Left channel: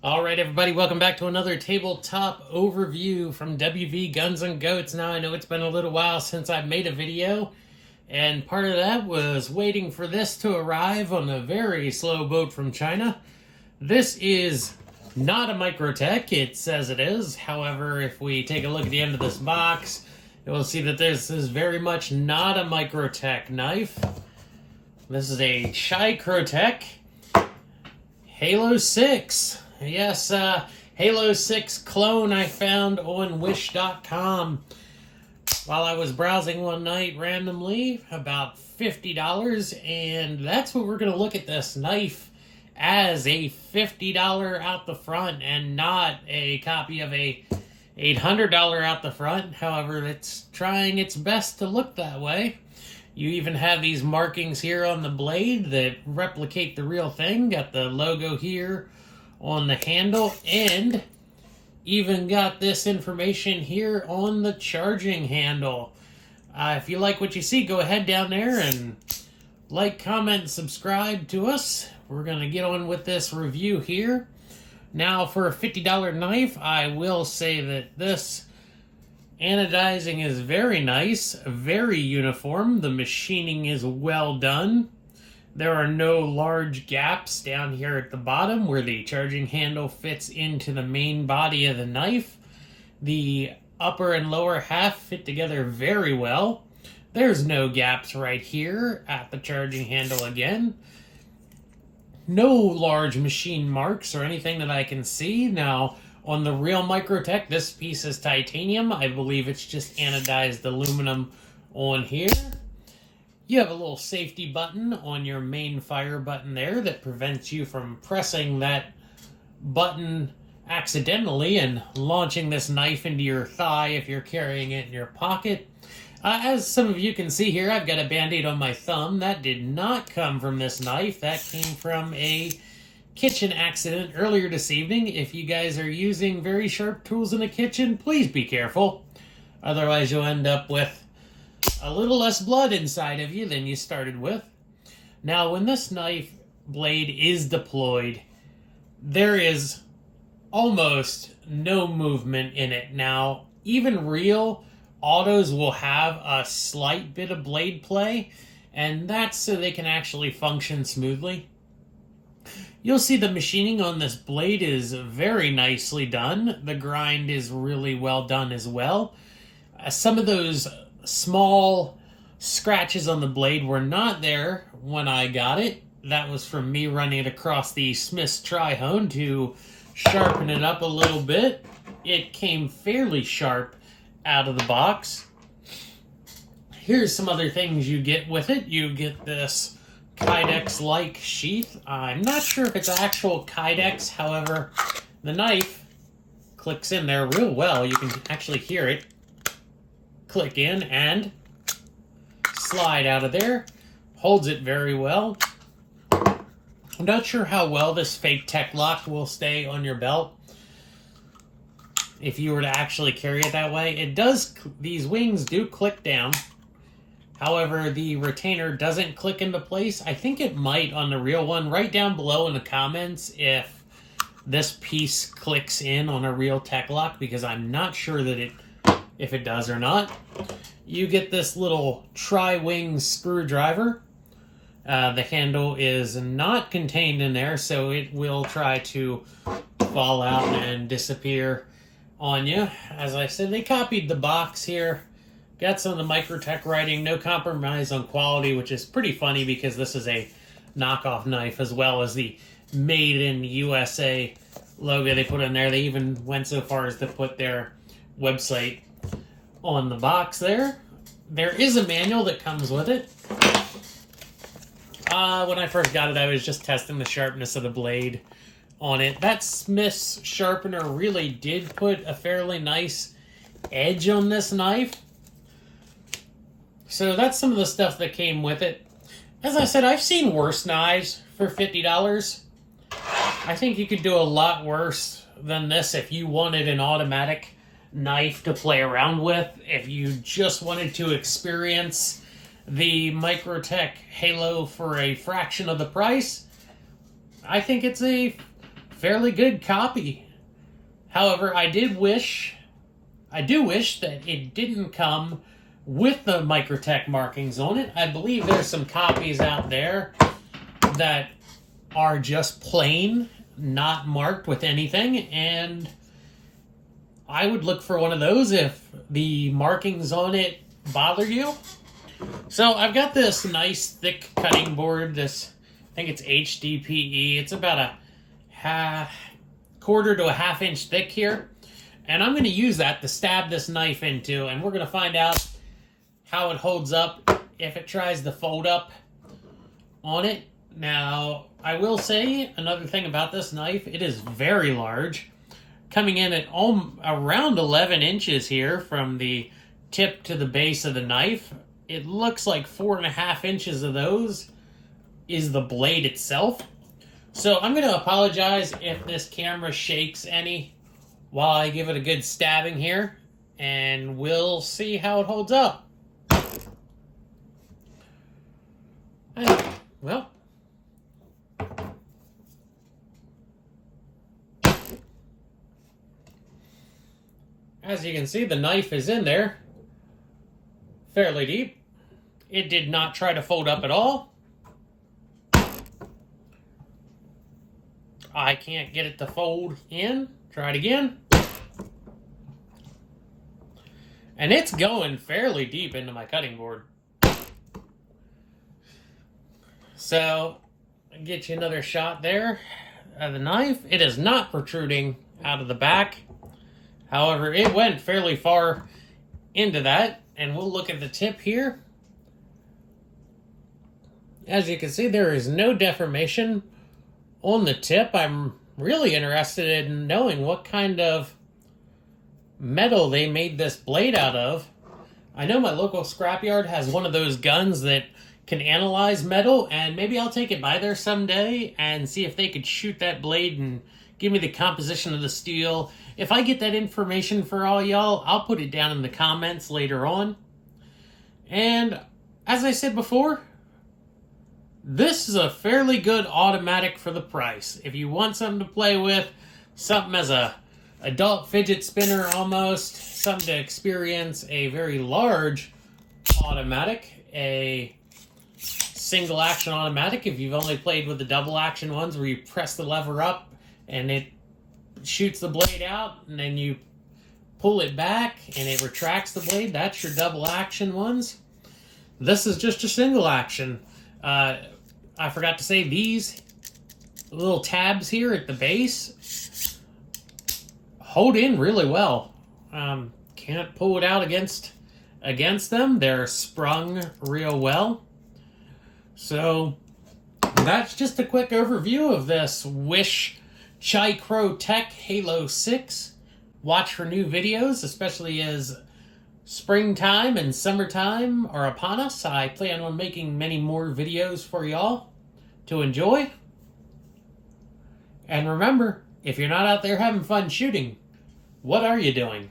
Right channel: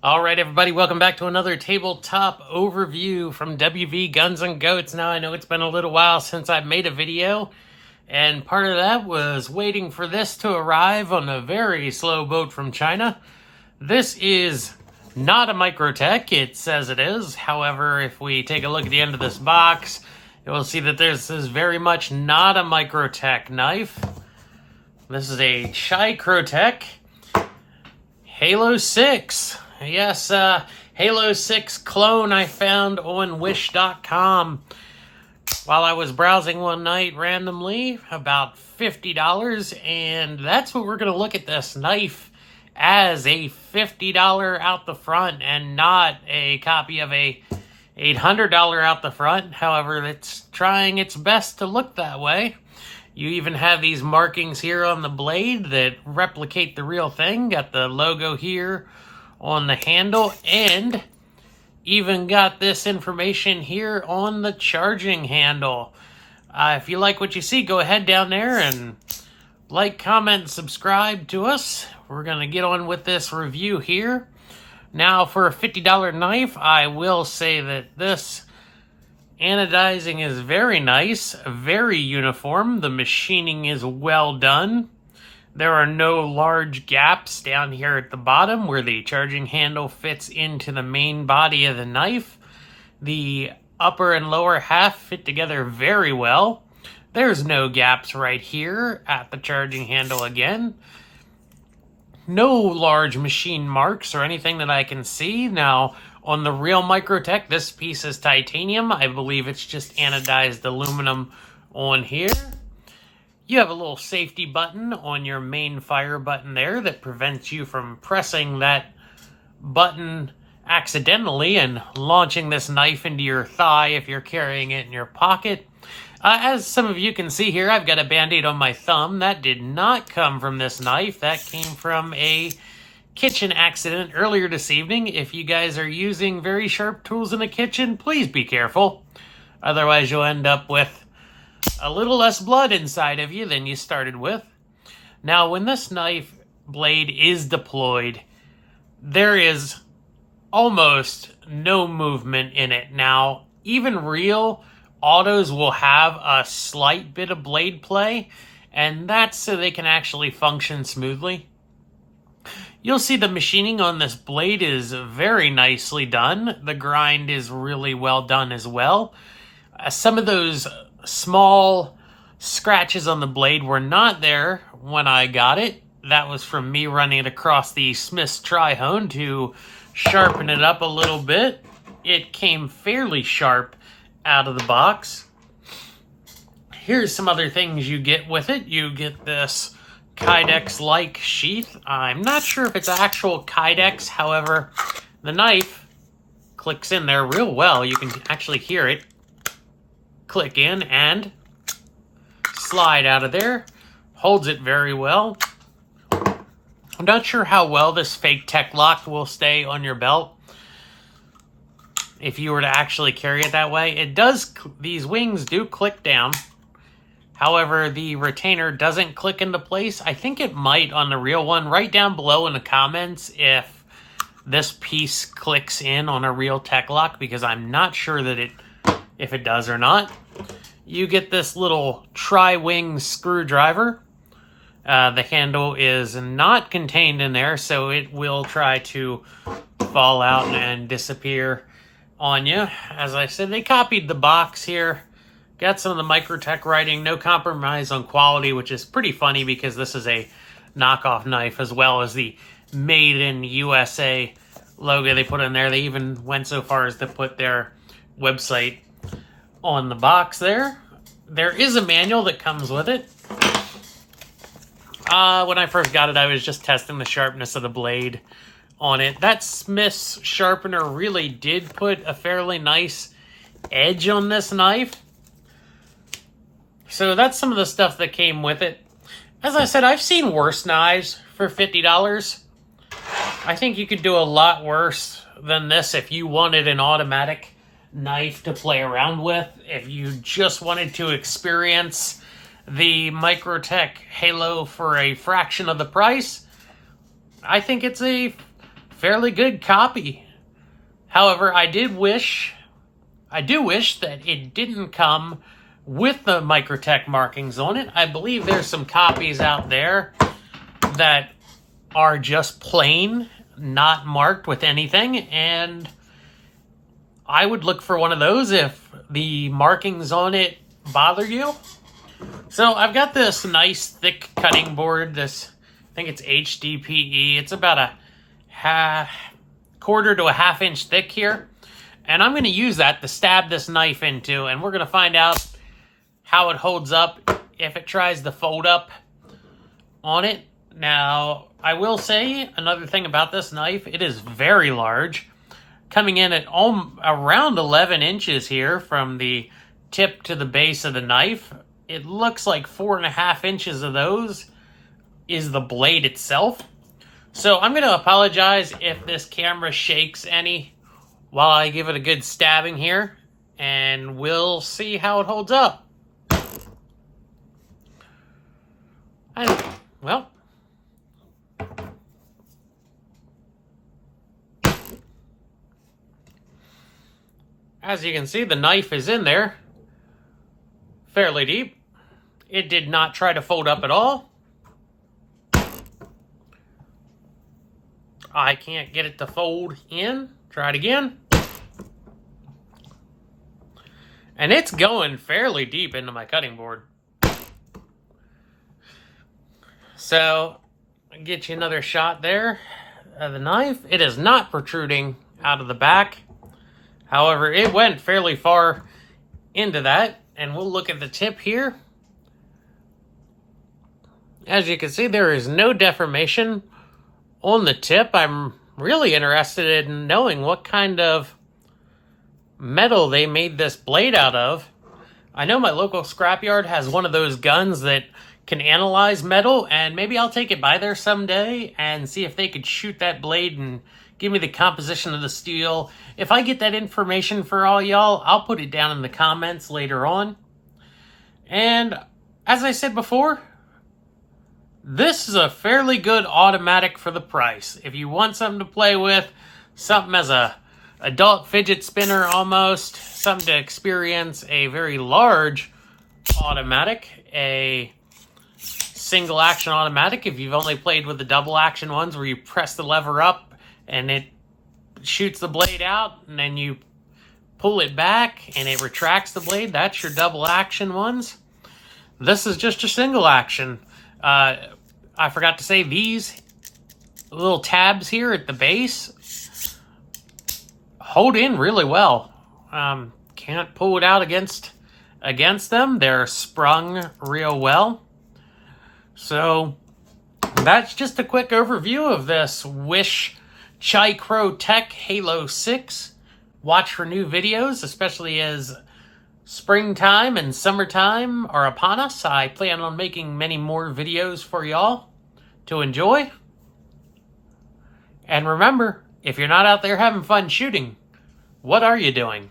All right, everybody, welcome back to another tabletop overview from Wvgunsngoats. Now, I know it's been a little while since I've made a video, and part of that was waiting for this to arrive on a very slow boat from China. This is not a Microtech, it says it is. However, if we take a look at the end of this box, you'll see that this is very much not a Microtech knife. This is a Chicrotech Halo 6. Yes, Halo 6 clone I found on Wish.com while I was browsing one night randomly, about $50, and that's what we're going to look at this knife as, a $50 out the front and not a copy of a $800 out the front. However, it's trying its best to look that way. You even have these markings here on the blade that replicate the real thing. Got the logo here on the handle, and even got this information here on the charging handle. If you like what you see, go ahead down there and like, comment, subscribe to us. We're going to get on with this review here. Now, for a $50 knife, I will say that this anodizing is very nice, very uniform. The machining is well done. There are no large gaps down here at the bottom where the charging handle fits into the main body of the knife. The upper and lower half fit together very well. There's no gaps right here at the charging handle again. No large machine marks or anything that I can see. Now, on the real Microtech, this piece is titanium. I believe it's just anodized aluminum on here. You have a little safety button on your main fire button there that prevents you from pressing that button accidentally and launching this knife into your thigh if you're carrying it in your pocket. As some of you can see here, I've got a band-aid on my thumb. That did not come from this knife. That came from a kitchen accident earlier this evening. If you guys are using very sharp tools in the kitchen, please be careful. Otherwise, you'll end up with a little less blood inside of you than you started with. Now, when this knife blade is deployed, there is almost no movement in it. Now, even real autos will have a slight bit of blade play, and that's so they can actually function smoothly. You'll see the machining on this blade is very nicely done. The grind is really well done as well. Some of those small scratches on the blade were not there when I got it. That was from me running it across the Smith's Tri-Hone to sharpen it up a little bit. It came fairly sharp out of the box. Here's some other things you get with it. You get this Kydex-like sheath. I'm not sure if it's actual Kydex, however, the knife clicks in there real well. You can actually hear it click in and slide out of there. Holds it very well. I'm not sure how well this fake tech lock will stay on your belt if you were to actually carry it that way. It does, these wings do click down. However, the retainer doesn't click into place. I think it might on the real one. Write down below in the comments if this piece clicks in on a real tech lock, because I'm not sure that if it does or not. You get this little tri-wing screwdriver. The handle is not contained in there, so it will try to fall out and disappear on you. As I said, they copied the box here. Got some of the Microtech writing, no compromise on quality, which is pretty funny because this is a knockoff knife, as well as the Made in USA logo they put in there. They even went so far as to put their website on the box there. There is a manual that comes with it. When I first got it, I was just testing the sharpness of the blade on it. That Smith's sharpener really did put a fairly nice edge on this knife. So that's some of the stuff that came with it. As I said, I've seen worse knives for $50. I think you could do a lot worse than this if you wanted an automatic knife to play around with. If you just wanted to experience the Microtech Halo for a fraction of the price, I think it's a fairly good copy. However, I do wish that it didn't come with the Microtech markings on it. I believe there's some copies out there that are just plain, not marked with anything, and I would look for one of those if the markings on it bother you. So I've got this nice thick cutting board, this, I think it's HDPE. It's about a quarter to a half inch thick here. And I'm going to use that to stab this knife into, and we're going to find out how it holds up if it tries to fold up on it. Now, I will say another thing about this knife, it is very large, coming in at around 11 inches here from the tip to the base of the knife. It looks like 4.5 inches of those is the blade itself. So I'm going to apologize if this camera shakes any while I give it a good stabbing here, and we'll see how it holds up. Well, as you can see, the knife is in there fairly deep. It did not try to fold up at all. I can't get it to fold in. Try it again. And it's going fairly deep into my cutting board. So, I'll get you another shot there of the knife. It is not protruding out of the back. However, it went fairly far into that. And we'll look at the tip here. As you can see, there is no deformation on the tip. I'm really interested in knowing what kind of metal they made this blade out of. I know my local scrapyard has one of those guns that can analyze metal, and maybe I'll take it by there someday and see if they could shoot that blade and give me the composition of the steel. If I get that information for all y'all, I'll put it down in the comments later on. And as I said before, this is a fairly good automatic for the price. If you want something to play with, something as a adult fidget spinner almost, something to experience a very large automatic, a single action automatic, if you've only played with the double action ones where you press the lever up and it shoots the blade out and then you pull it back and it retracts the blade, that's your double action ones. This is just a single action. I forgot to say, these little tabs here at the base hold in really well. Can't pull it out against them. They're sprung real well. So that's just a quick overview of this Wish Chicrotech Halo 6. Watch for new videos, especially as springtime and summertime are upon us. I plan on making many more videos for y'all to enjoy. And remember, if you're not out there having fun shooting, what are you doing?